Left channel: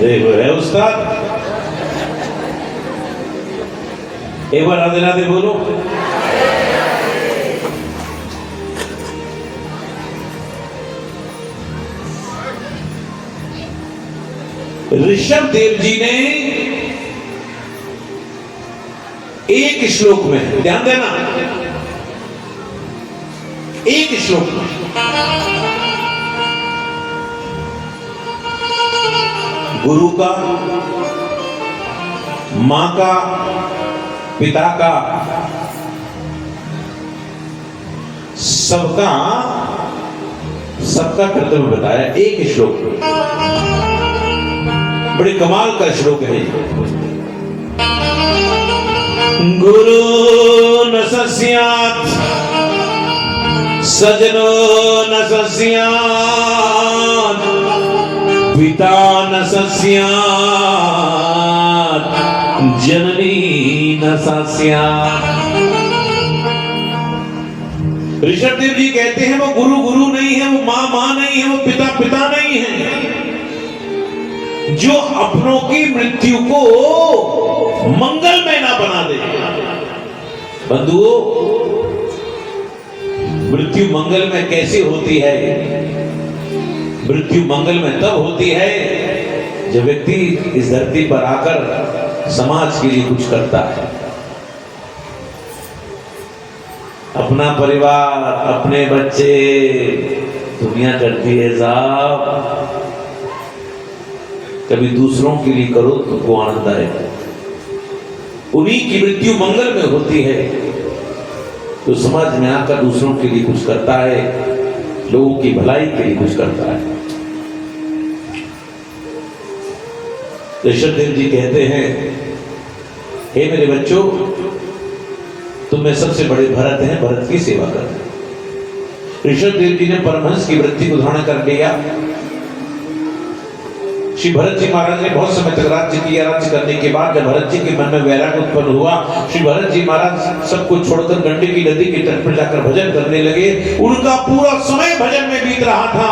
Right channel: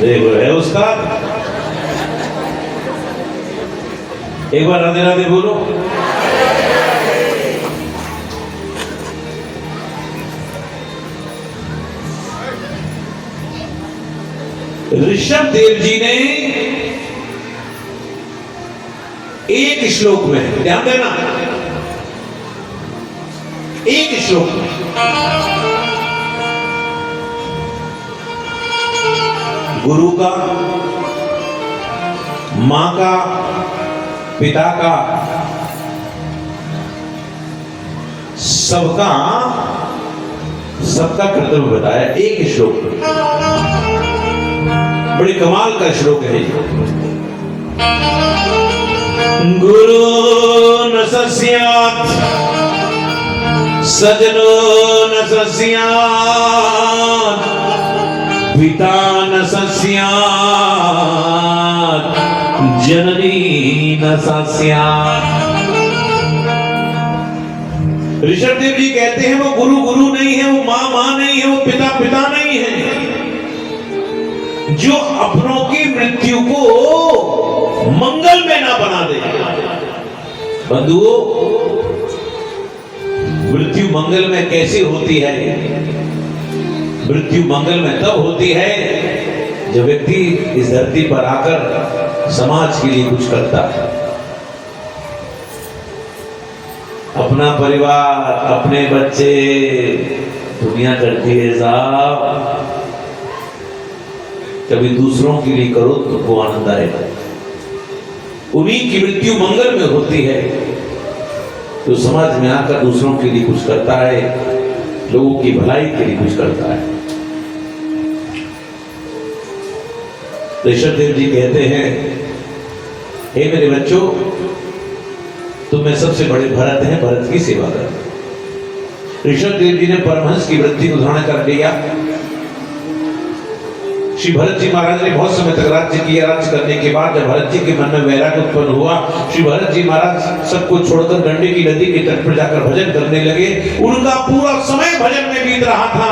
देखो है उस्ताद। एक बार राधे राधे बोलो। ऋषभ देव जी ने एक श्लोक में, ध्यान देना, एक श्लोक में गुरु का, मां का, पिता का, सबका कर्तव्य बताया एक श्लोक में। बड़ी कमाल का श्लोक है। गुरु न सस्यात् सजनो न सस्यात् पिता न सस्यात् जननी न सस्यात्। ऋषभ देव जी कहते हैं वो गुरु गुरु नहीं है, वो मां मां नहीं है, वो पिता पिता नहीं है, जो अपनों की मृत्यु को मंगल में ना बना दे। बंधुओं, मृत्यु मंगल में कैसे होती है? मृत्यु मंगल में तब होती है जब व्यक्ति इस धरती पर आकर समाज के लिए कुछ करता है। अपना परिवार, अपने बच्चे, दुनिया करती है साहब, कभी दूसरों के लिए करो तो वो आनंद आएगा। उन्हीं की मृत्यु मंगल में होती है तो समाज में आकर दूसरों के लिए कुछ करता है, लोगों की भलाई के लिए कुछ करता है। ऋषभ देव जी कहते हैं, हे मेरे बच्चों, तुम में सबसे बड़े भरत हैं, भरत की सेवा करो। ऋषभ देव जी ने परमहंस की वृत्ति को धारण कर लिया। श्री भरत जी महाराज ने बहुत समय तक राज्य किया। राज्य करने के बाद जब भरत जी के मन में वैराग्य उत्पन्न हुआ, श्री भरत जी महाराज सबको छोड़कर गंडकी की नदी के तट पर जाकर भजन करने लगे। उनका पूरा समय भजन में बीत रहा था।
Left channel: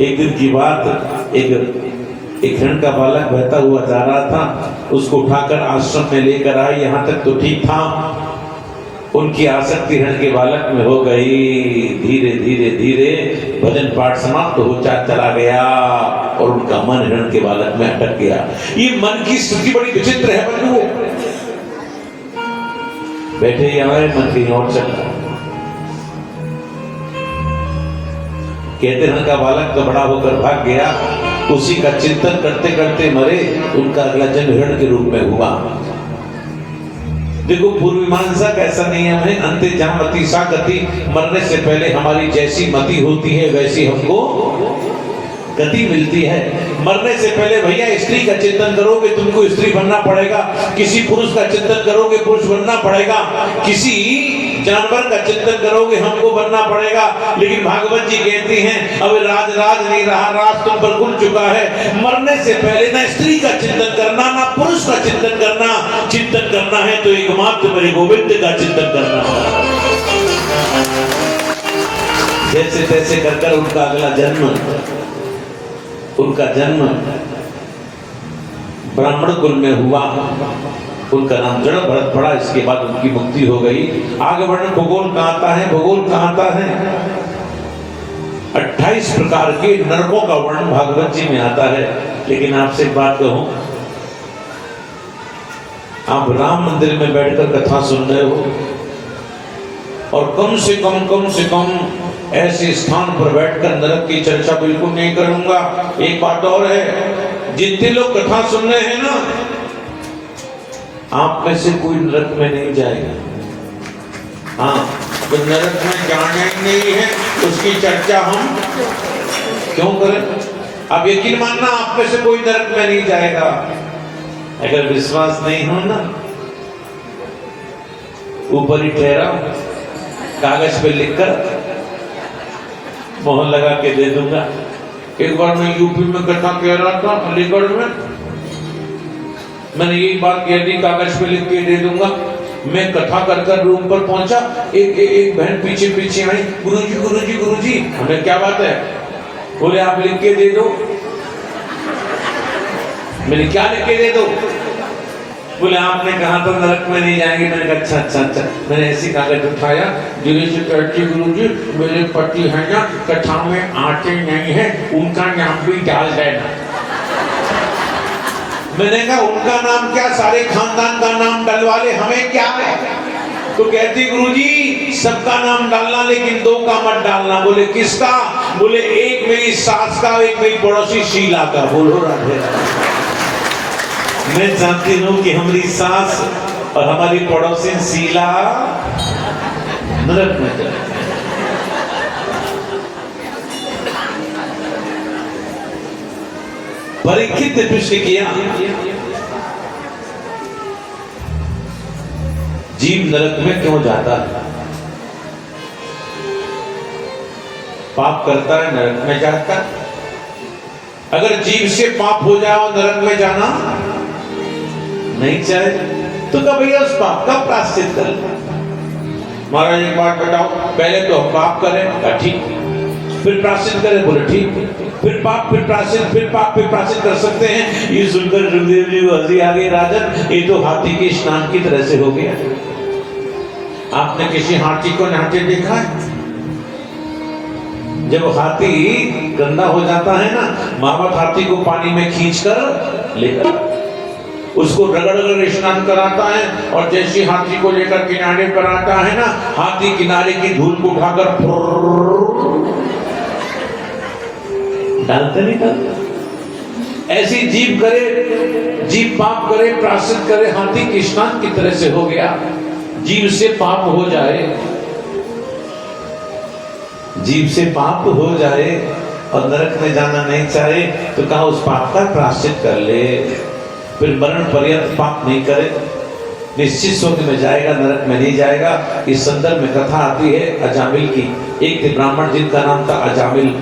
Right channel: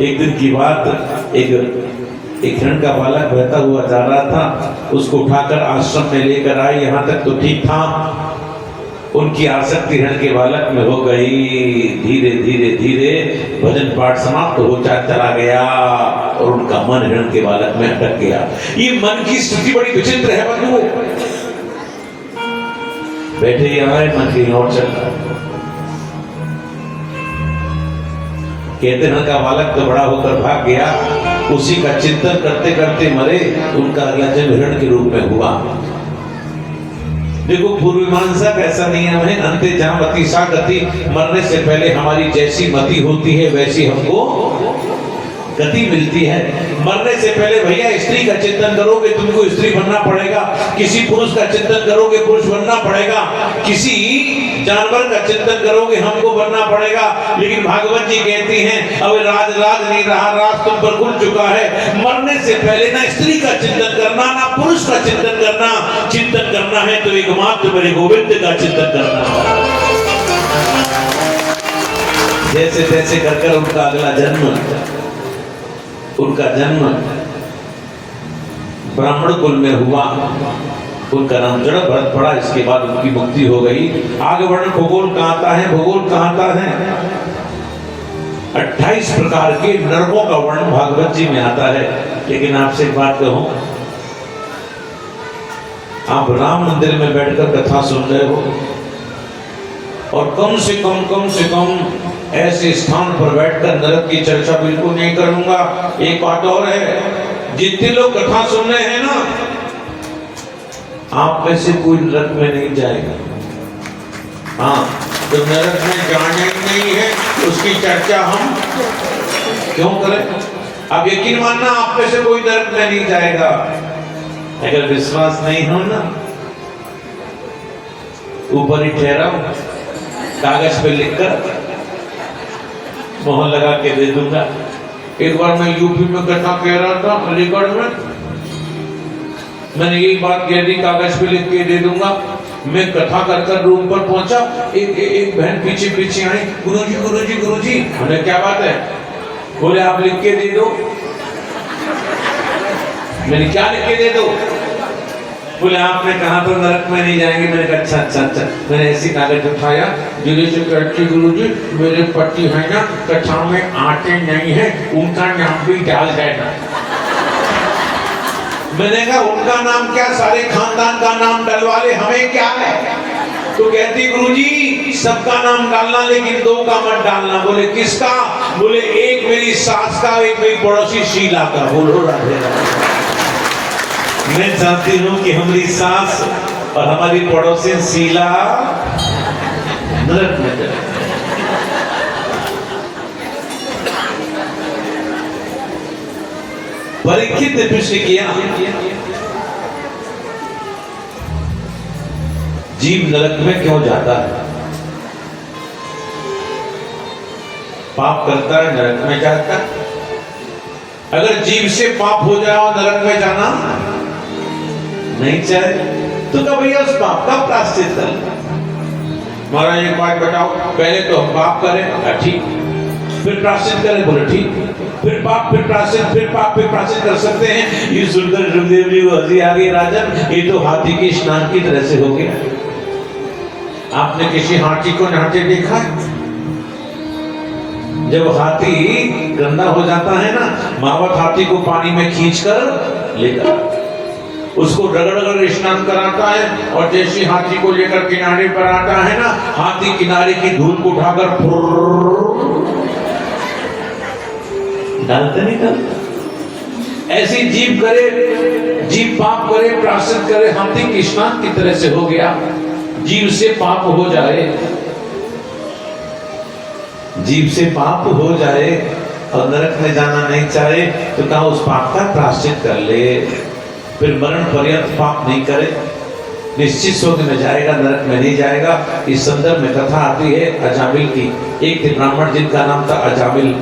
एक दिन की बात, एक हिरण का बालक बहता हुआ जा रहा था, उसको उठाकर आश्रम में लेकर आए। यहाँ तक तो ठीक था, उनकी आसक्ति हिरण के बालक में हो गई। धीरे धीरे धीरे भजन पाठ समाप्त हो चला गया और उनका मन हिरण के बालक में अटक गया। ये मन की स्थिति बड़ी विचित्र है बंधुओं। बैठे ही आए, मन कहीं और चल रहा। कहते हिरण का बालक तो बड़ा होकर भाग गया, उसी का चिंतन करते करते मरे। उनका अगला जन्म हिरण के रूप में हुआ। देखो, पूर्व मीमांसा कैसा नियम है, अंते जहां मति सा गति। मरने से पहले हमारी जैसी मति होती है वैसी हमको गति मिलती है। मरने से पहले भैया स्त्री का चिंतन करोगे, तुमको स्त्री बनना पड़ेगा। किसी पुरुष का चिंतन करोगे, पुरुष बनना पड़ेगा। किसी जानवर का चिंतन करोगे, हमको बनना पड़ेगा। लेकिन भागवत जी कहती हैं, अब राज नहीं रहा, राज तुम पर खुल चुका है। मरने से पहले ना स्त्री का चिंतन करना, ना पुरुष का चिंतन करना। चिंतन करना है तो एकमात्र मेरे गोविंद का चिंतन करना है। जैसे तैसे कर उनका अगला जन्म, उनका जन्म ब्राह्मण कुल में हुआ। उनका नाम जड़ भरत पड़ा। इसके बाद उनकी मुक्ति हो गई। आगे वर्णन भूगोल कहाँ आता है, भूगोल कहाँ आता है। 28 प्रकार के नरकों का वर्णन भागवत जी में आता है। लेकिन आपसे एक बात कहूं, आप राम मंदिर में बैठकर कथा सुन रहे हो और कम से कम ऐसे स्थान पर बैठकर नरक की चर्चा बिल्कुल नहीं करूंगा। एक बात और है, जितने लोग कथा सुन रहे हैं ना, आप में से कोई नरक में नहीं जाएगा। हाँ, जब नरक में जाना ही नहीं है उसकी चर्चा हम क्यों करें। अब यकीन मानना, आप में से कोई नरक में नहीं जाएगा। अगर विश्वास नहीं हो ना, ऊपर ही ठहराओ, कागज पे लिखकर मोहर लगा के दे दूंगा। एक बार मैं यूपी में कथा कह रहा था, अलीगढ़ में, मैंने यही बात कह दी, कागज पे लिख के दे दूंगा। मैं कथा कर रूम पर पहुंचा, एक बहन पीछे आई, गुरुजी, हमें क्या बात है? बोले आप लिख के दे दो। मैंने क्या लिख के दे दो? बोले आपने कहा तो नरक में नहीं जाएंगे। मैंने कहा अच्छा अच्छा अच्छा। मैंने ऐसी कागज उठाया, धीरे से कहते गुरुजी मेरे पति है ना कथा में आते नहीं है, उनका नाम भी डाल देना। मैंने कहा उनका नाम क्या, सारे खानदान का नाम डलवा ले, हमें क्या है? तो कहती गुरुजी सबका नाम डालना लेकिन दो का मत डालना। बोले किसका? बोले एक मेरी सास का, एक मेरी पड़ोसी शीला का। बोलो राधे राधे। मैं जानती हूँ कि हमारी सास और हमारी पड़ोसी शीला नरक में जाए। परीक्षित ने पूछ किया जीव नरक में क्यों जाता है? पाप करता है नरक में जाता है। अगर जीव से पाप हो जाओ नरक में जाना नहीं चाहिए तो क्या भैया उस पाप का प्रायश्चित कर। महाराज एक बात बताओ, पहले तो हम पाप करें, ठीक, फिर प्रायश्चित करें, बोले ठीक, फिर पाप फिर प्रायश्चित, फिर पाप फिर प्रायश्चित कर सकते हैं। ये सुनकर सुखदेव जी को हंसी आ गई। राजन ये तो हाथी के स्नान की तरह से हो गया। आपने किसी हाथी को नहाते देखा है? जब हाथी गंदा हो जाता है ना, मावत हाथी को पानी में खींचकर लेकर उसको रगड़ स्नान कराता है, और जैसे हाथी को लेकर किनारे पर आता है ना, हाथी किनारे की धूल को उठाकर डालते नहीं डालता। ऐसी जीव करे, जीव पाप करे, प्रायश्चित करे, हाथी के स्नान की तरह से हो गया। जीव से पाप हो जाए, जीव से पाप हो जाए और नरक में जाना नहीं चाहे तो कहा उस पाप का प्रायश्चित कर ले, फिर मरण पर्यंत पाप नहीं करे, निश्चित स्वर्ग में जाएगा, नरक में नहीं जाएगा। इस संदर्भ में कथा आती है अजामिल की। एक थे ब्राह्मण जिनका नाम था अजामिल।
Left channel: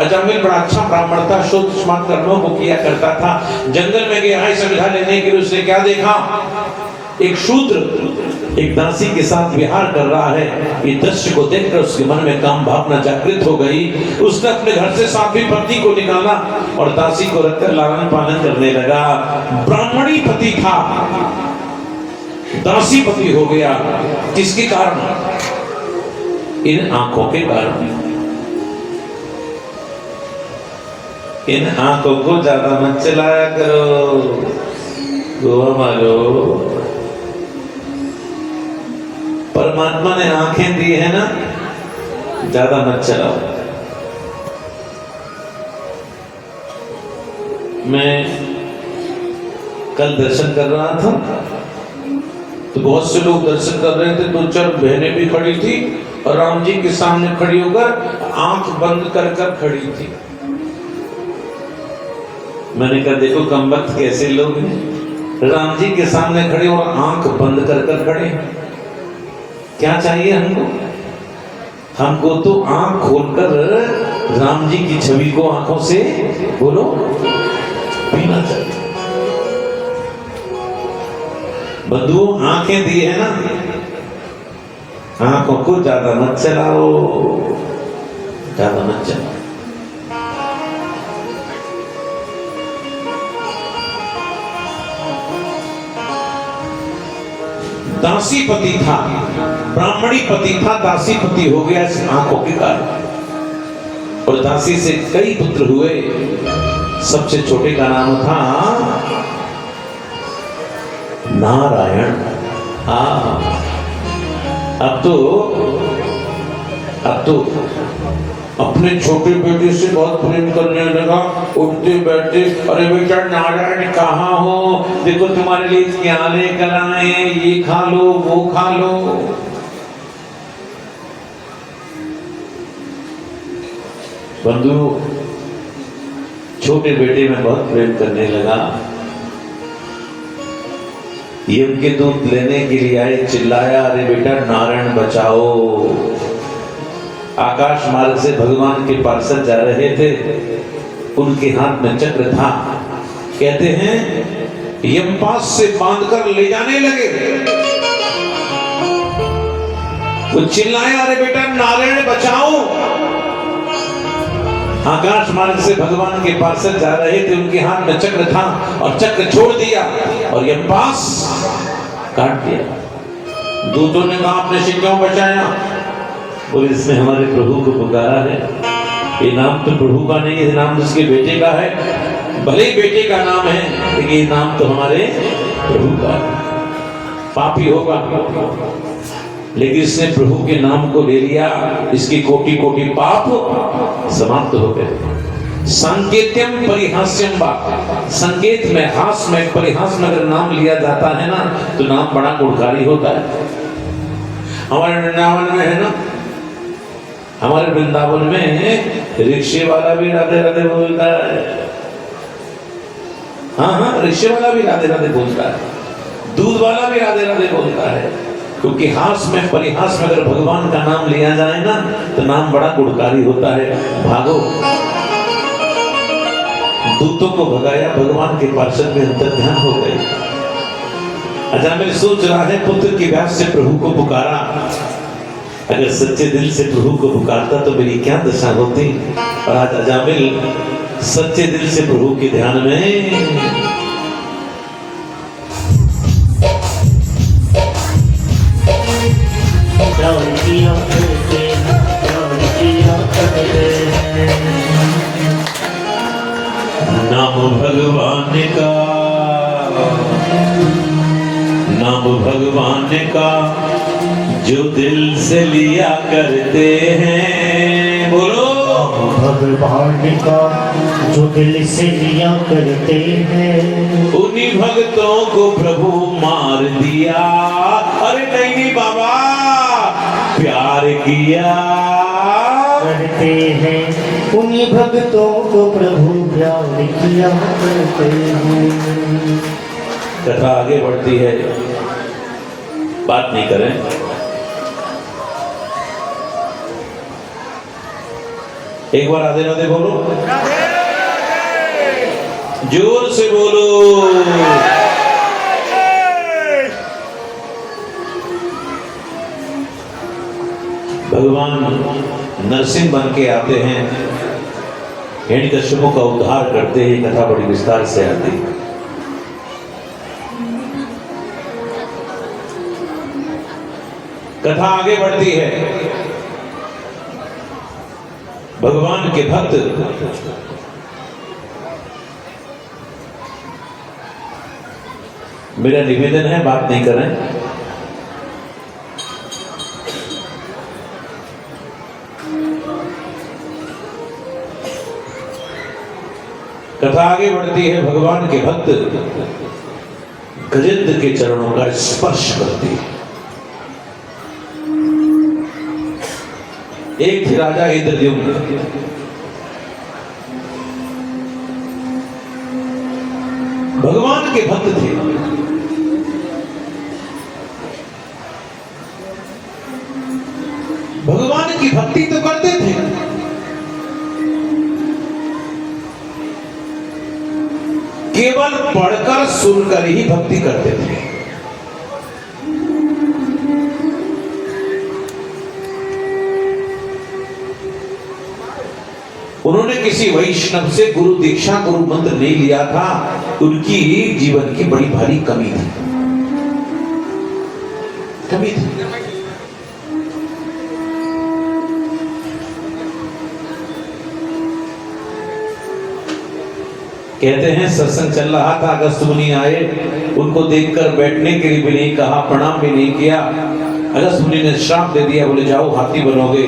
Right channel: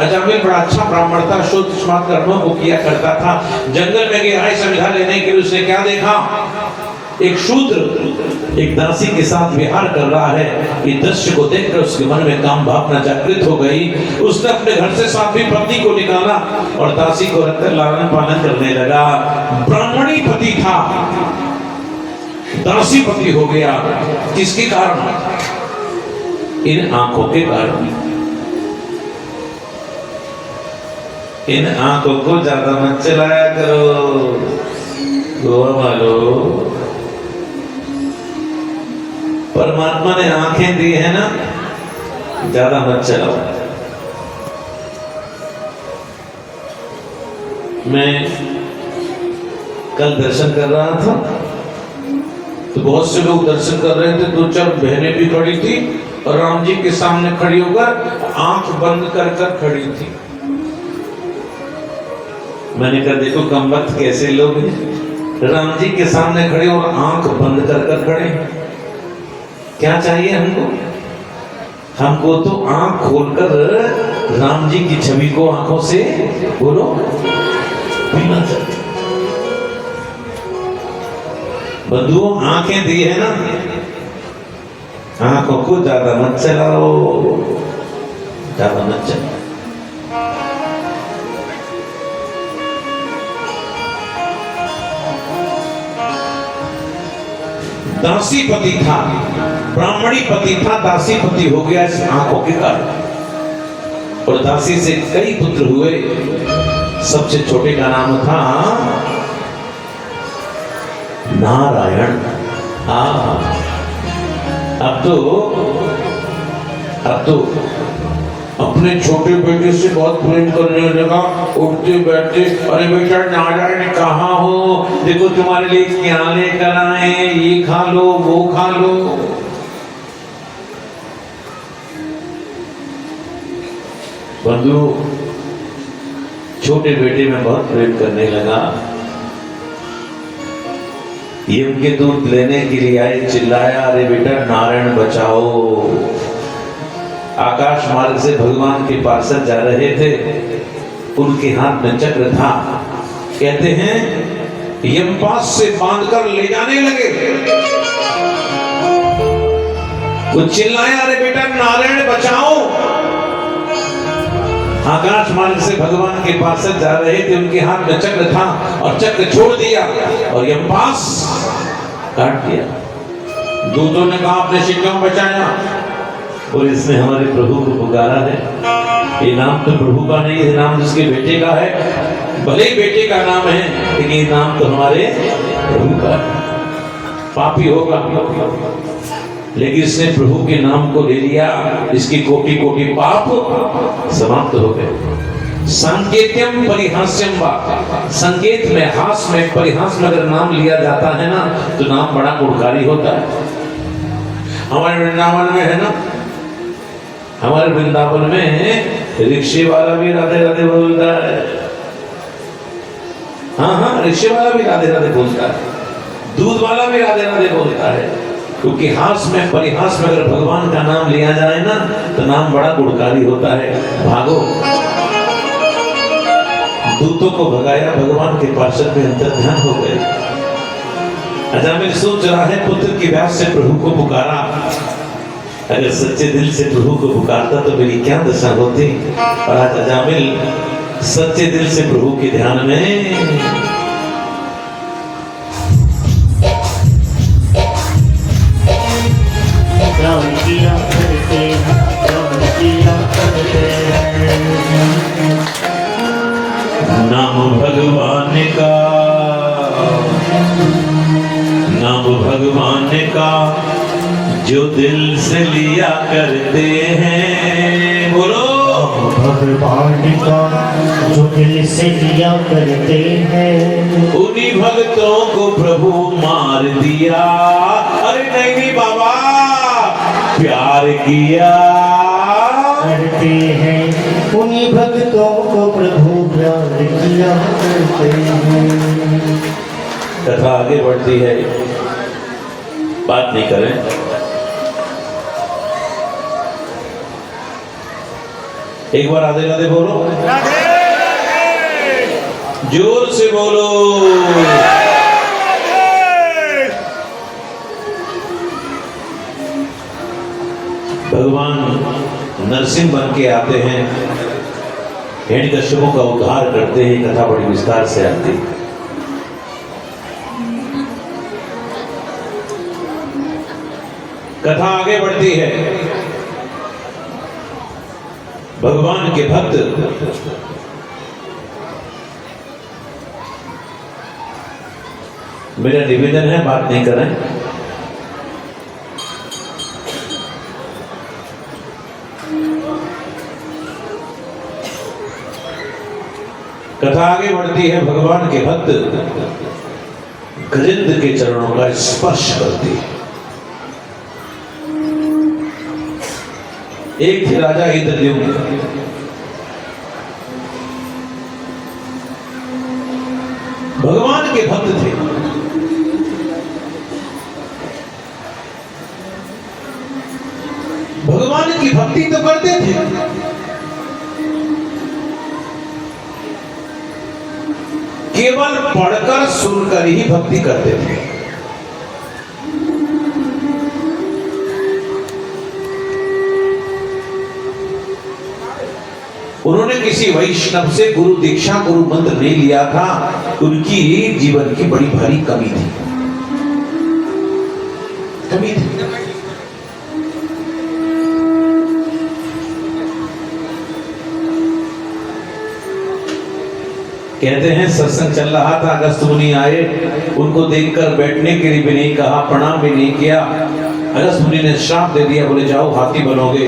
अजामिल बड़ा अच्छा ब्राह्मण था, शुद्ध स्मार्ट कर्मों को किया करता था। जंगल में गया संविधा लेने के लिए, उसने क्या देखा? एक शूद्र एक दासी के साथ विहार कर रहा है। ये दृश्य को देखकर उसके मन में काम भावना जागृत हो गई। उसने अपने घर से साथी पत्नी को निकाला और दासी को रखकर लालन पालन करने लगा। ब्राह्मणी पति था, दासी पति हो गया। किसके कारण? इन आंखों के कारण। इन आंखों को ज्यादा मत चलाया करो, गोवा मारो। परमात्मा ने आंखें दी है ना, ज्यादा मत चलाओ। मैं कल दर्शन कर रहा था तो बहुत से लोग दर्शन कर रहे थे। 2-4 बहनें भी खड़ी थी और राम जी के सामने खड़ी होकर आंख बंद कर कर खड़ी थी। मैंने कहा देखो कमबख्त कैसे लोग हैं, राम जी के सामने खड़े और आंख बंद कर कर खड़े। क्या चाहिए हमको? हमको तो आंख खोलकर राम जी की छवि को आंखों से बोलो पीना चाहिए। बंधुओं आंखें दी है ना, आंखों को ज्यादा मत चलाओ, ज्यादा मत चलाओ। दासी पति था, ब्राह्मणी पति था, दासी पति हो गया इस आंखों के कारण। और दासी से कई पुत्र हुए। सबसे छोटे का नाम था नारायण। अब तो अपने छोटे बेटे से बहुत प्रेम करने लगा। उठते बैठते, अरे बेटा नारायण कहाँ हो, देखो तुम्हारे लिए क्या लेकर आए, ये खा लो वो खा लो। बंधु छोटे बेटे में बहुत प्रेम करने लगा। ये उनके दूध लेने के लिए आए, चिल्लाया अरे बेटा नारायण बचाओ। आकाश मार्ग से भगवान के पार्षद जा रहे थे, उनके हाथ में चक्र था। कहते हैं यमपास से बांधकर ले जाने लगे। वो चिल्लाया अरे बेटा नारायण बचाओ। आकाश मार्ग से भगवान के पार्षद जा रहे थे, उनके हाथ में चक्र था और चक्र छोड़ दिया और यमपास काट दिया। दूतों ने कहा आपने इसे क्यों बचाया? और इसने हमारे प्रभु को पुकारा है। ये नाम तो प्रभु का नहीं है, नाम उसके बेटे का है। भले ही बेटे का नाम है लेकिन ये नाम तो हमारे प्रभु का है। पापी होगा लेकिन इसने प्रभु के नाम को ले लिया, इसकी कोटि कोटि पाप समाप्त हो गए। संकेत्यम परिहास्यम वा, संकेत में, हास में, परिहास में अगर नाम लिया जाता है ना तो नाम बड़ा गुणकारी होता है। हमारे वृंदावन में है ना, हमारे वृंदावन में रिक्शे वाला भी राधे राधे बोलता है। हाँ, रिक्शे वाला भी राधे राधे बोलता है, दूध वाला भी राधे राधे बोलता है, क्योंकि हास में, परिहास में अगर भगवान का नाम लिया जाए ना तो नाम बड़ा गुणकारी होता है। भागो, दूतों को भगाया, भगवान के पार्षद में अंतर्ध्यान हो गए। अजामिल सोच रहा है पुत्र की व्यास से प्रभु को पुकारा, अगर सच्चे दिल से प्रभु को पुकारता तो मेरी क्या दशा होती। और आज अजामिल सच्चे दिल से प्रभु के ध्यान में नाम भगवान का, नाम भगवान का जो दिल से लिया करते हैं, बोलो भगवान का जो दिल से लिया करते हैं, उन्हीं भक्तों को प्रभु मार दिया। अरे नहीं बाबा, प्यार किया करते हैं, उन्हीं भक्तों को प्रभु प्यार किया करते हैं। कथा आगे बढ़ती है, बात नहीं करें। एक बार राधे राधे बोलो, जोर से बोलो। भगवान नरसिंह बन के आते हैं, हिरण्यकश्यपों का उद्धार करते हैं। कथा बड़ी विस्तार से आती है। कथा आगे बढ़ती है। भगवान के भक्त मेरा निवेदन है, बात नहीं करें। कथा आगे बढ़ती है। भगवान के भक्त गजेंद्र के चरणों का स्पर्श करते हैं। एक थे राजा इंद्रद्युम्न, भगवान के भक्त थे। भगवान की भक्ति तो करते थे, केवल पढ़कर सुनकर ही भक्ति करते थे। उन्होंने किसी वैष्णव से गुरु दीक्षा, गुरु मंत्र नहीं लिया था। उनकी जीवन की बड़ी भारी कमी थी, कमी थी। कहते हैं सत्संग चल रहा था, अगस्त मुनि आए, उनको देखकर बैठने के लिए भी नहीं कहा, प्रणाम भी नहीं किया। अगस्त मुनि ने श्राप दे दिया, बोले जाओ हाथी बनोगे।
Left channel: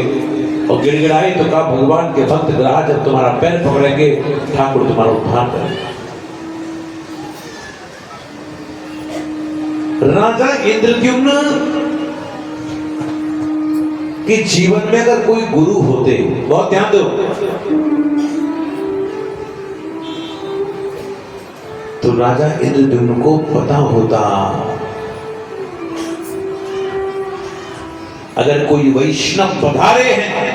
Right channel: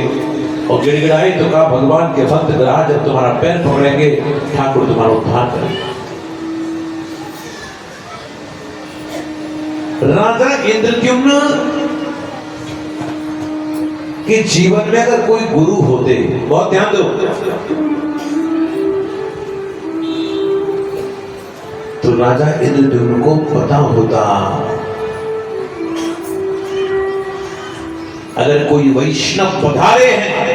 और गिड़गिड़ाए तो कहा भगवान के भक्त ग्राह जब तुम्हारा पैर पकड़ेंगे ठाकुर तुम्हारा उद्धार करेंगे। राजा इंद्रद्युम्न के जीवन में अगर कोई गुरु होते, बहुत ध्यान दो, तो राजा इंद्रद्युम्न को पता होता अगर कोई वैष्णव पधारे हैं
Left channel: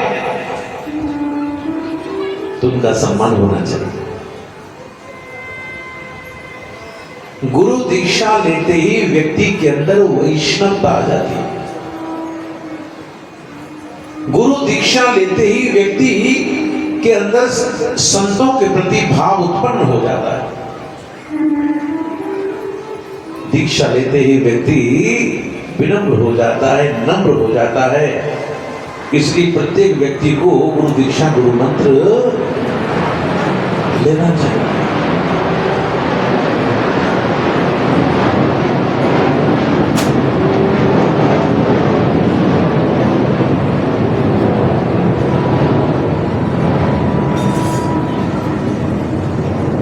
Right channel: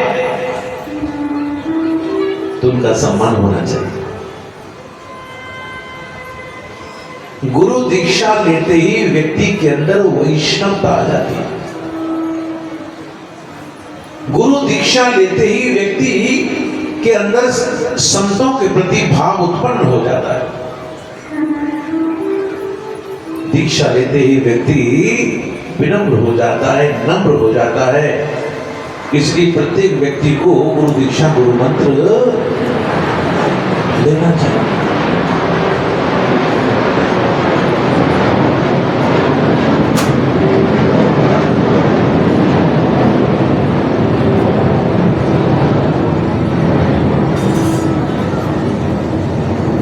तो उनका सम्मान होना चाहिए। गुरु दीक्षा लेते ही व्यक्ति के अंदर वैष्णवता आ जाती है। गुरु दीक्षा लेते ही व्यक्ति के अंदर संतों के प्रति भाव उत्पन्न हो जाता है। दीक्षा लेते ही व्यक्ति विनम्र हो जाता है, नम्र हो जाता है। इसलिए प्रत्येक व्यक्ति को गुरु दीक्षा, गुरु मंत्र लेना चाहिए।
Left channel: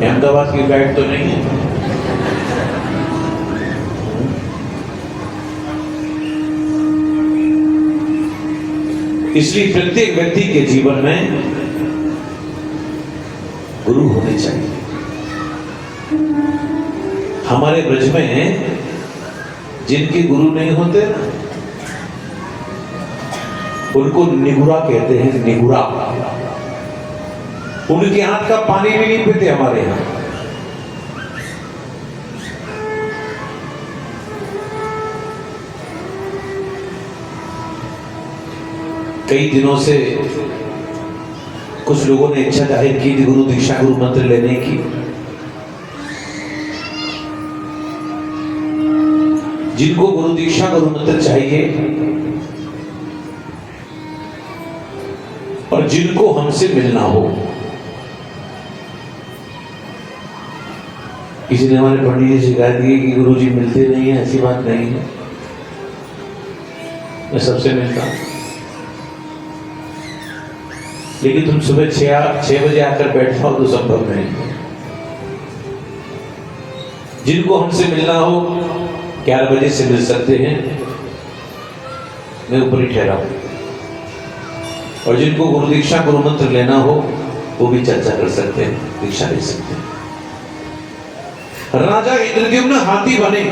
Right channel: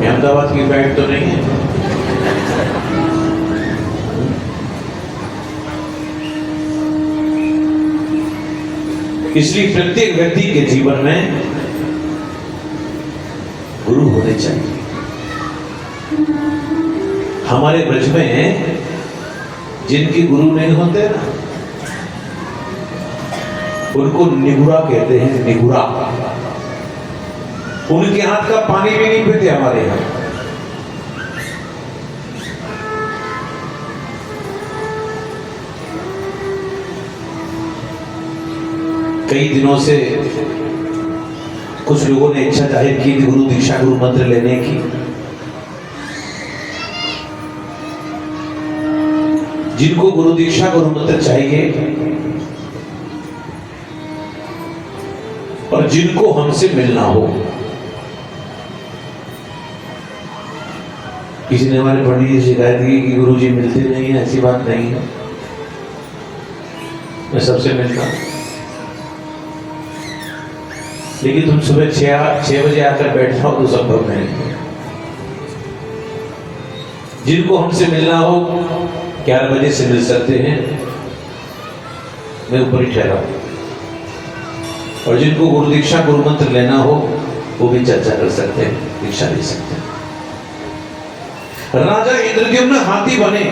अहमदाबाद की गाइड तो नहीं है। इसलिए प्रत्येक व्यक्ति के जीवन में गुरु होने चाहिए। हमारे ब्रज में जिनके गुरु नहीं होते ना, उनको निगुरा कहते हैं। निगुरा, उनके हाथ का पानी भी नहीं पीते हमारे यहां। कई दिनों से कुछ लोगों ने इच्छा जाहिर की थी गुरु दीक्षा, गुरु मंत्र लेने की। जिनको गुरु दीक्षा, गुरु मंत्र चाहिए और जिनको हमसे मिलना हो। किसी ने हमारे पंडित जी शिकायत की कि गुरु जी मिलते नहीं है। ऐसी बात नहीं है, मैं सबसे मिलता हूं। लेकिन तुम सुबह 6 बजे आकर बैठ जाओ तो संभव नहीं। जिनको हमसे मिलना हो 11 बजे से मिल सकते हैं, मैं ऊपर ही ठहरा हूं। और जिनको गुरु दीक्षा, गुरु मंत्र लेना हो वो भी चर्चा कर सकते हैं, दीक्षा ले सकते हैं। राजा इंद्रद्युम्न हाथी बने।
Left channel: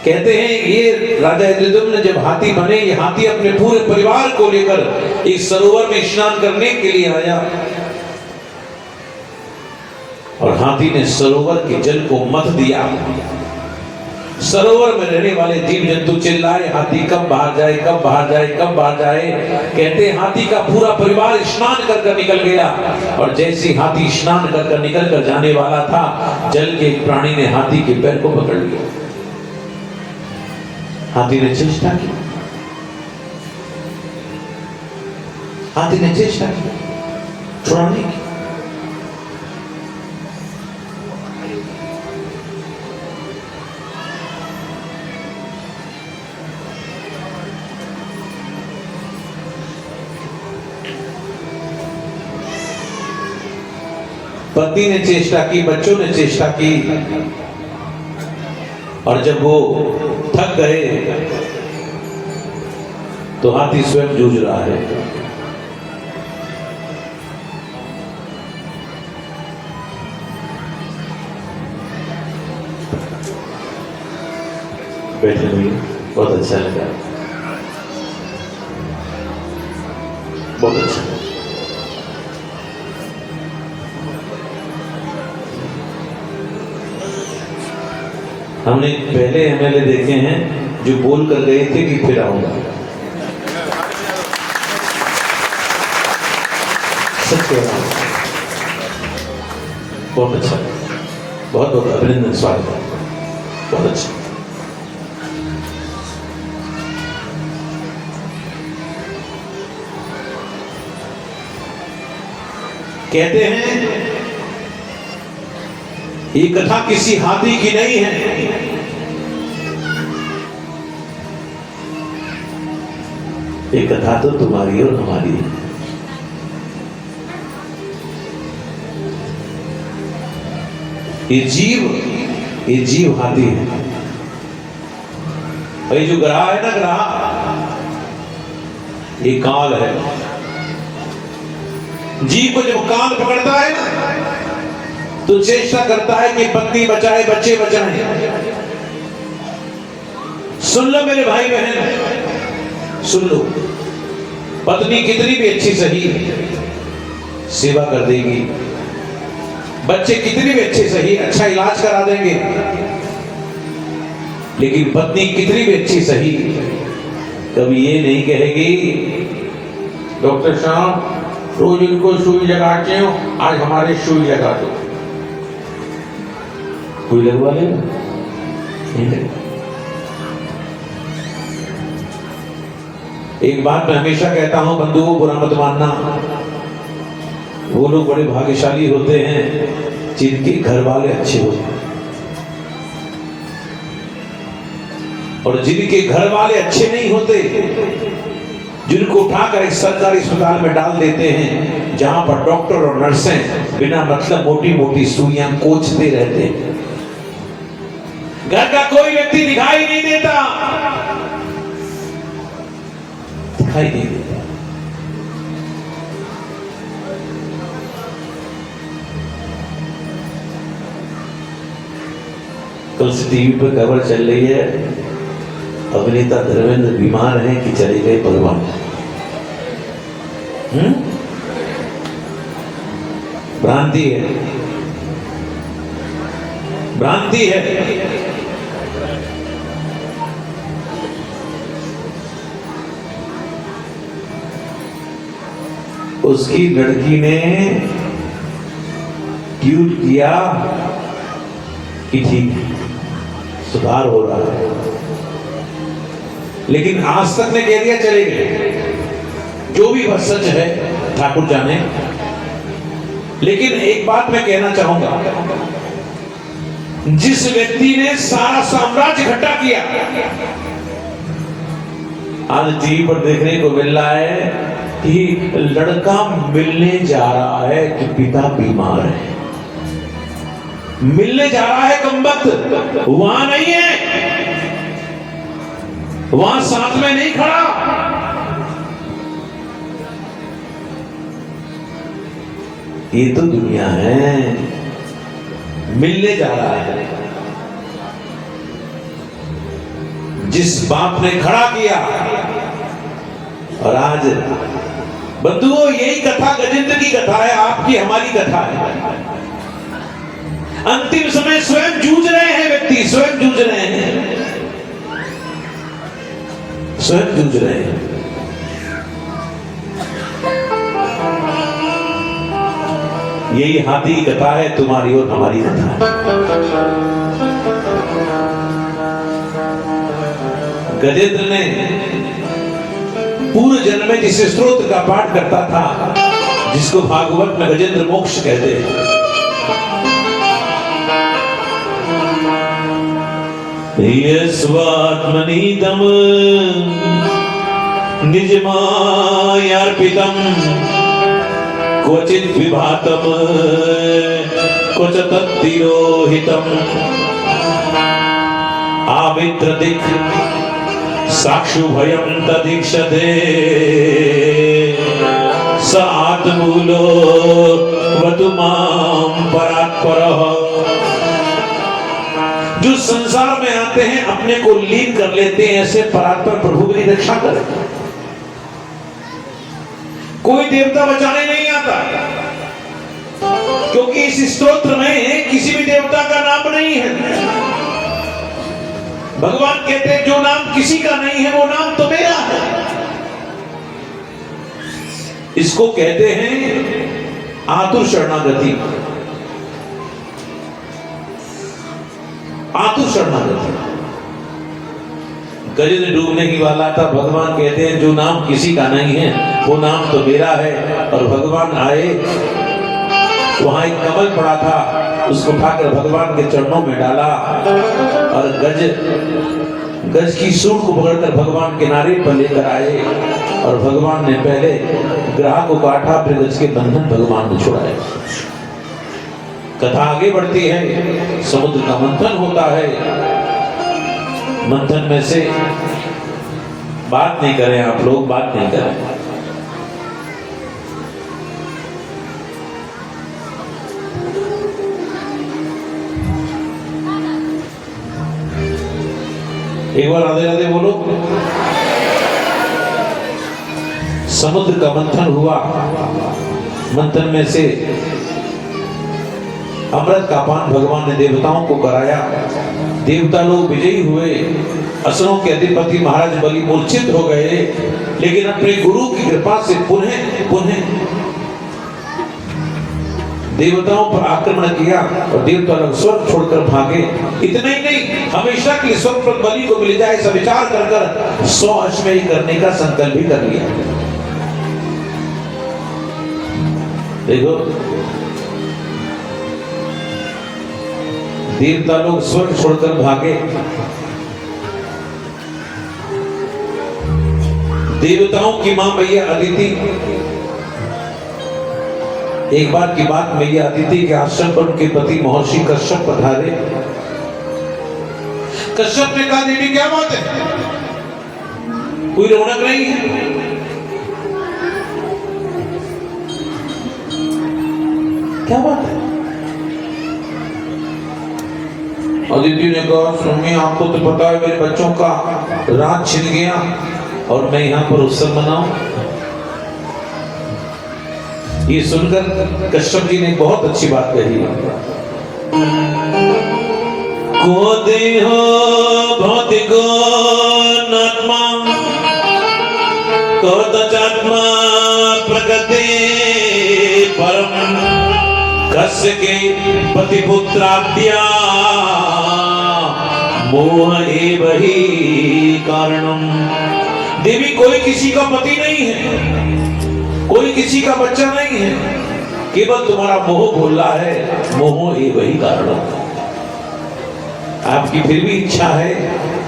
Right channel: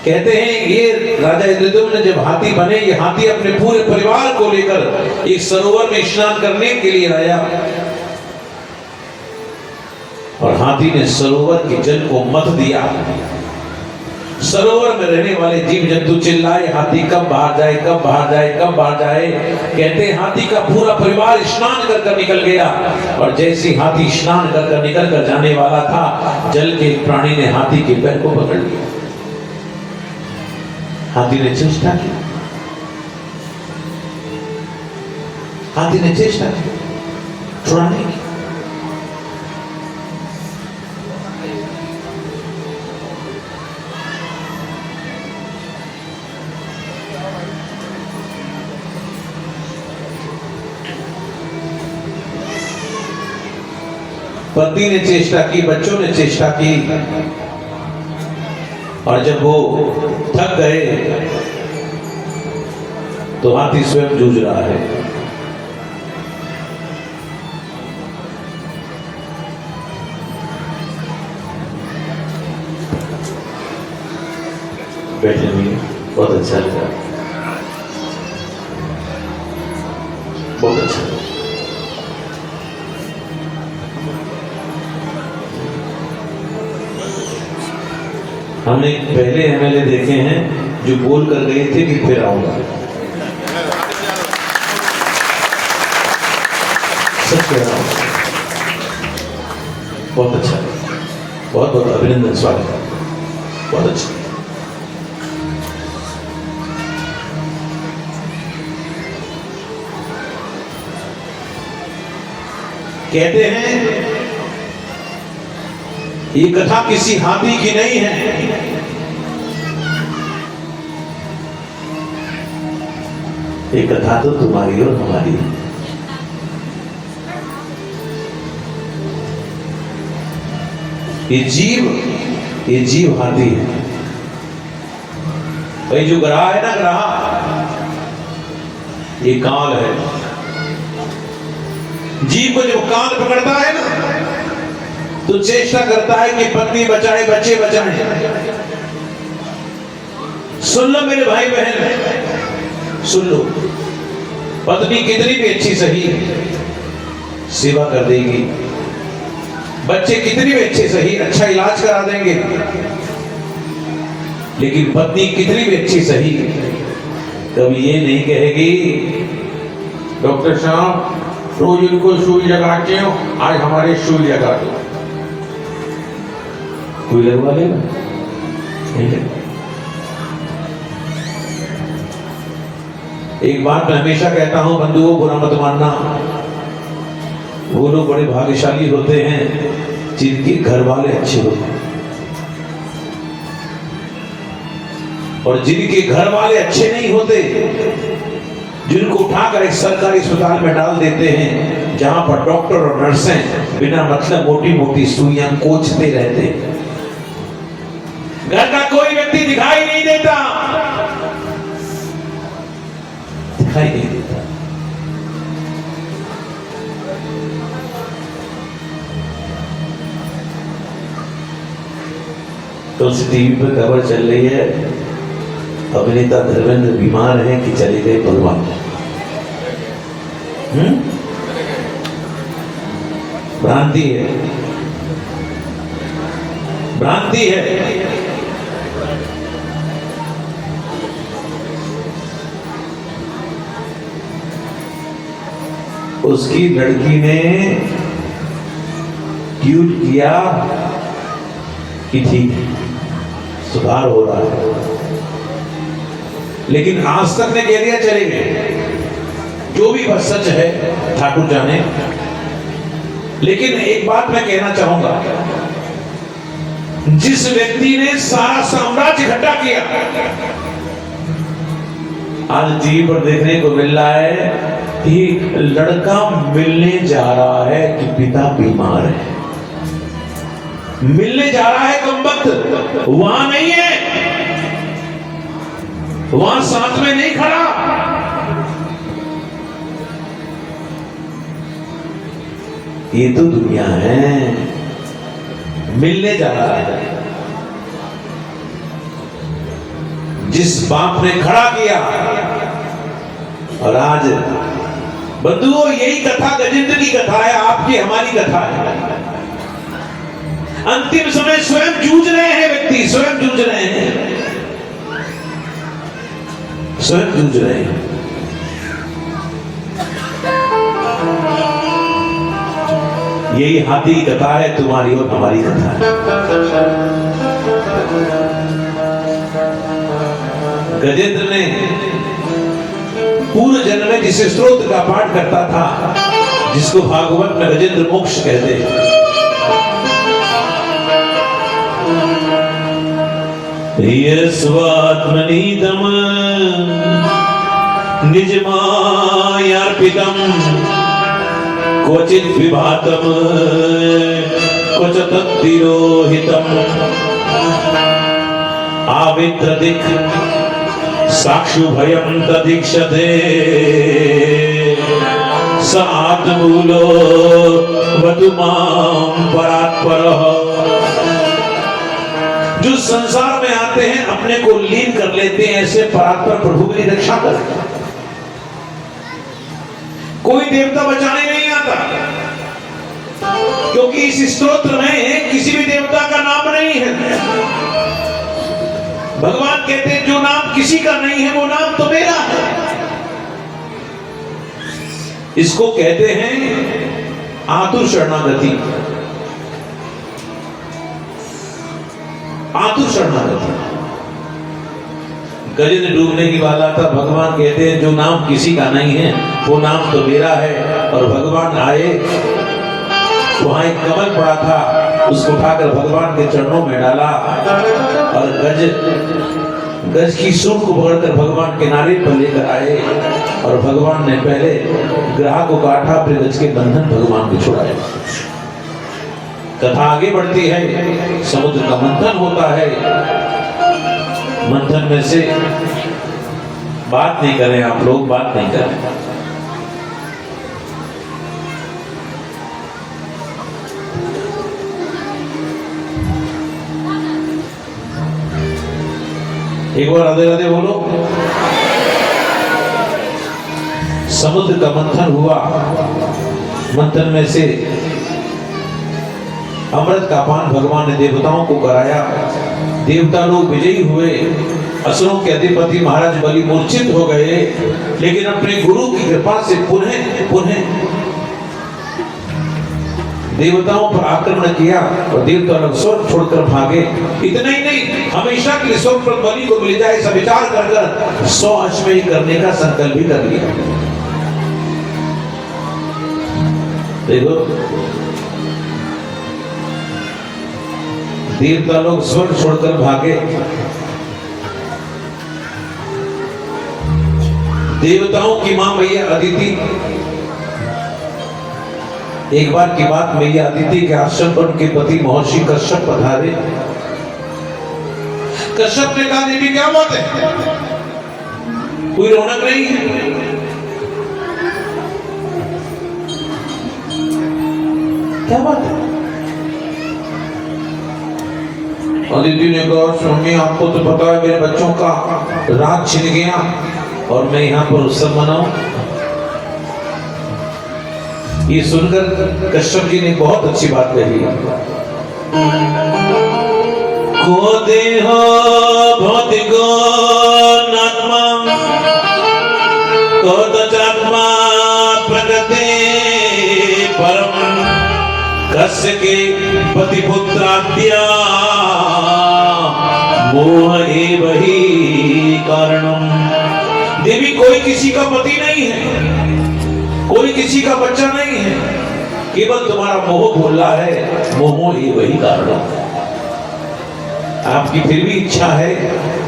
कहते हैं ये राजा इंद्रद्युम्न जब हाथी बने, ये हाथी अपने पूरे परिवार को लेकर एक सरोवर में स्नान करने के लिए आया और हाथी ने सरोवर के जल को मथ दिया। सरोवर में रहने वाले जीव जंतु चिल्लाए, हाथी कब बाहर जाए, कब बाहर जाए, कब बाहर जाए। कहते हैं हाथी का पूरा परिवार स्नान कर निकल गया और जैसे हाथी स्नान कर निकल कर जाने वाला था, जल के एक प्राणी ने हाथी के पैर को पकड़ लिया। हाथी ने चेष्टा की, हाथी ने चेष्टा की छुड़ाने की। पति ने चेष्टा की, बच्चों ने चेष्टा की और जब वो थक गए तो हाथी स्वयं जूझ रहा है। बैठे हुए बहुत अच्छा लगा, बहुत अच्छा। हमने पहले एमएलए देखे हैं जो बोल कर गए थे कि फिर आऊंगा। सच कह रहा हूं, बहुत अच्छा, बहुत बहुत अभिनंदन, स्वागत है, बहुत अच्छा। कहते हैं ये कथा किसी हाथी की नहीं है, ये कथा तो तुम्हारी और हमारी है। ये जीव हाथी है। ये जो ग्रह है ना, ग्रह ये काल है। जीव को जब काल पकड़ता है ना तो चेष्टा करता है कि पत्नी बचाए, बच्चे बचाए। सुन लो मेरे भाई बहन, सुन लो, पत्नी कितनी भी अच्छी सही सेवा कर देगी, बच्चे कितनी भी अच्छे सही अच्छा इलाज करा देंगे, लेकिन पत्नी कितनी भी अच्छी सही कभी ये नहीं कहेगी डॉक्टर साहब रोज इनको सुई लगाते हो, आज हमारे सुई लगा दो। कोई लगवा लेगा? नहीं लगवा। एक बात मैं हमेशा कहता हूं बंधुओं, बुरा मत मानना, वो लोग बड़े भाग्यशाली होते हैं जिनके घर वाले अच्छे होते हैं, और जिनके घर वाले अच्छे नहीं होते, जिनको उठाकर एक सरकारी अस्पताल में डाल देते हैं जहां पर डॉक्टर और नर्सें बिना मतलब मोटी मोटी सुइयां कोचते रहते हैं। घर का कोई व्यक्ति दिखाई नहीं देता, दिखाई नहीं देता। कल से टीवी पर खबर चल रही है, अभिनेता धर्मेंद्र बीमार हैं कि चले गए भगवान। भ्रांति है, भ्रांति है। उसकी लड़की ने ट्वीट किया कि ठीक सुधार हो रहा है, लेकिन आज तक ने कह दिया चले गए। जो भी बस सच है ठाकुर जाने, लेकिन एक बात मैं कहना चाहूंगा, जिस व्यक्ति ने सारा साम्राज्य इकट्ठा किया, आज टीवी पर देखने को मिल रहा है कि लड़का मिलने जा रहा है कि पिता बीमार है, मिलने जा रहा है कमबख्त, वहां नहीं है, वहां साथ में नहीं खड़ा। ये तो दुनिया है, मिलने जा रहा है। जिस बाप ने खड़ा किया, और आज बंधुओं यही कथा गजेंद्र की कथा है, आपकी हमारी कथा है। अंतिम समय स्वयं जूझ रहे हैं व्यक्ति, स्वयं जूझ रहे हैं, स्वयं जूझ रहे हैं। यही हाथी की कथा है, तुम्हारी और हमारी कथा है। गजेंद्र ने पूर्व जन्म में जिस स्तोत्र का पाठ करता था, जिसको भागवत में गजेंद्र मोक्ष कहते हैं, स्वात्मनीतम निज मायार्पितम क्वचित विभातम क्वच तत्तिरोहितम आवित्रदिक साक्षु भयम तदीक्षते स आत्मूलो वतु मां परात्परः। जो संसार में आते हैं अपने को लीन कर लेते हैं, ऐसे परात्पर प्रभु मेरी रक्षा कर। कोई देवता बचाने नहीं आता, क्योंकि इस स्तोत्र में किसी भी देवता का नाम नहीं है। भगवान कहते हैं जो नाम किसी का नहीं है वो नाम तो मेरा है। इसको कहते हैं आतुर शरणागति। आतुर शरणागति। गजेंद्र डूबने की वाला था, भगवान कहते हैं जो नाम किसी का नहीं है वो नाम तो मेरा है। और भगवान आए, वहां एक कमल पड़ा था, उसको उठाकर भगवान के चरणों में डाला और गज की सूंड को पकड़कर भगवान के नारे पर लेकर आए, और भगवान ने पहले ग्राह को काटा, फिर गज के बंधन भगवान को छुड़ाए। कथा आगे बढ़ती है, समुद्र का मंथन होता है। मंथन में से बात नहीं करें आप लोग, बात नहीं करें। एक बार राधे राधे बोलो। समुद्र का मंथन हुआ, मंथन में से अमृत का पान भगवान ने देवताओं को कराया। देवता लोग विजयी हुए, असुरों के अधिपति महाराज बलि मूर्छित हो गए, लेकिन अपने गुरु की कृपा से पुनः देवताओं पर आक्रमण किया और देवता लोग स्वर्ग छोड़कर भागे। इतना ही नहीं, हमेशा के लिए स्वर्ग पर बलि को मिल जाए ऐसा विचार कर 100 अश्वमेध करने का संकल्प भी कर लिया। देखो, देवता लोग स्वर्ग छोड़कर भागे। देवताओं की मां मैया अदिति, एक बार की बात, मैया अदिति के आश्रम पर उनके पति महर्षि कश्यप पधारे। कश्यप ने कहा, दीदी क्या बात है, कोई रौनक नहीं है? क्या बात है? अदिति ने कहा, स्वामी आपको तो पता है मेरे बच्चों का राज छिन गया और मैं यहाँ पर उत्सव मनाऊं। ये सुनकर कश्यप जी ने बहुत अच्छी बात कही। को देह भौतिक नात्मा को तचात्मा प्रकृति परम कस्य के पति पुत्राद्या मोह एव ही कारणम। देवी, कोई किसी का पति नहीं है, कोई किसी का बच्चा नहीं है, केवल तुम्हारा मोह बोल रहा है, मोह एव ही कारणम। आपकी फिर भी इच्छा है,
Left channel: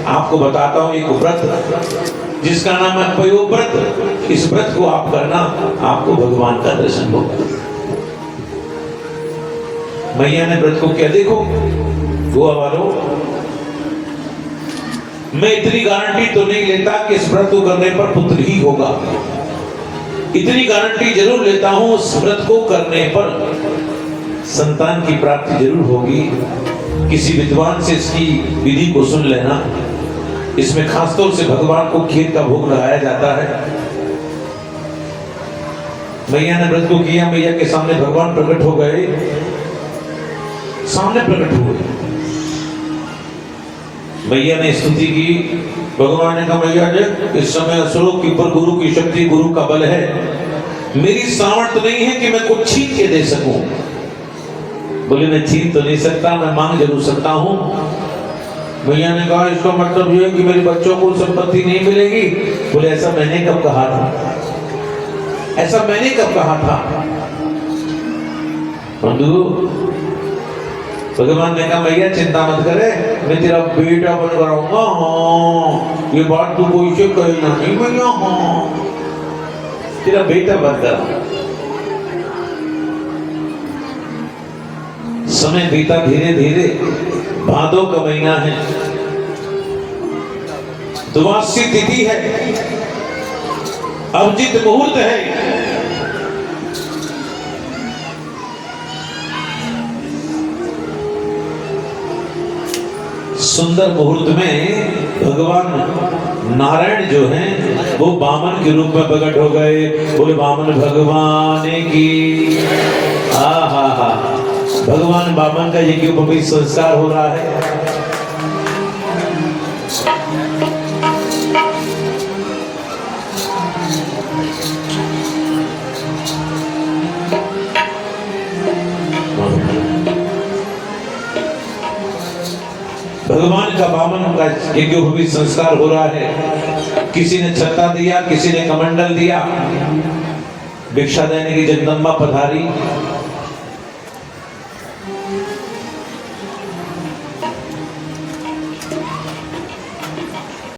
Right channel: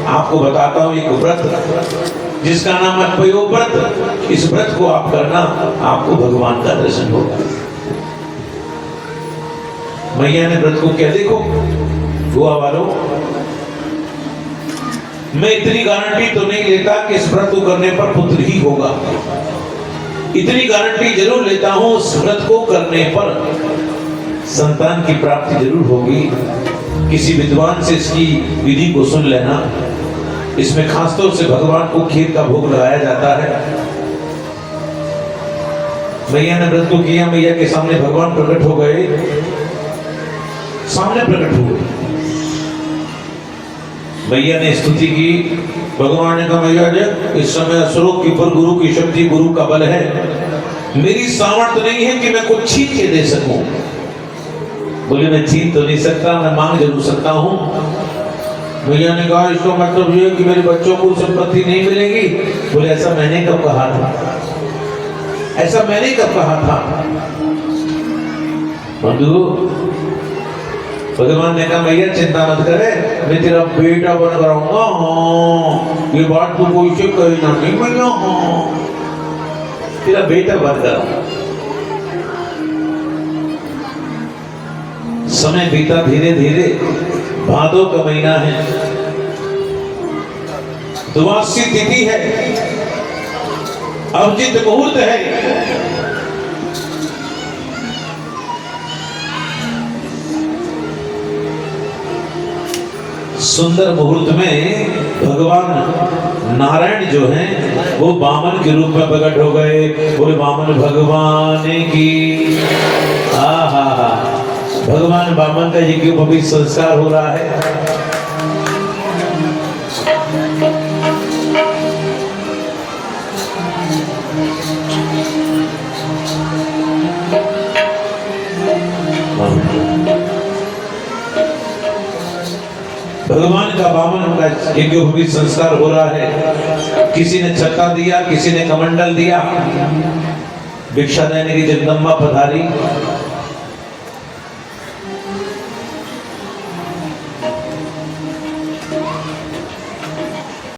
आपको बताता हूं एक व्रत जिसका नाम है पयो व्रत। इस व्रत को आप करना, आपको भगवान का दर्शन होगा। मैया ने व्रत को क्या, देखो गोवा वालों, मैं इतनी गारंटी तो नहीं लेता कि इस व्रत को करने पर पुत्र ही होगा, इतनी गारंटी जरूर लेता हूं उस व्रत को करने पर संतान की प्राप्ति जरूर होगी। किसी विद्वान से इसकी विधि को सुन लेना। इसमें खासतौर से भगवान को खीर का भोग लगाया जाता है। मैया ने व्रत को किया, मैया के सामने भगवान प्रकट हो गए, सामने प्रकट हो गए। मैया ने स्तुति की, भगवान ने कहा, मैया जी इस समय असुरों के ऊपर गुरु की शक्ति, गुरु का बल है, मेरी सामर्थ्य नहीं है कि मैं कुछ छीन के दे सकूं। बोले, मैं छीन तो नहीं सकता, मैं मांग जरूर सकता हूं। मैया ने कहा, इसका मतलब ये है कि मेरे बच्चों को संपत्ति नहीं मिलेगी। बोले, ऐसा मैंने कब कहा था, ऐसा मैंने कब कहा था? बंधु, भगवान ने कहा, मैया चिंता मत करे, मैं तेरा बेटा बन कराऊंगा। हाँ, ये बात तू कोई से कही ना, नहीं मैया, हाँ तेरा बेटा बन कराऊंगा। समय बीता धीरे धीरे, भादो का महीना है, द्वादशी तिथि है, अभिजित मुहूर्त है। सुंदर मुहूर्त में भगवान नारायण जो हैं वो वामन के रूप में प्रकट हो गए। बोले, वामन भगवान की। हा, भगवान वामन का यज्ञोपवीत संस्कार हो रहा है। भगवान का वामन का यज्ञोपवीत संस्कार हो रहा है। किसी ने छत्ता दिया, किसी ने कमंडल दिया। भिक्षा देने की जगदम्बा पधारी।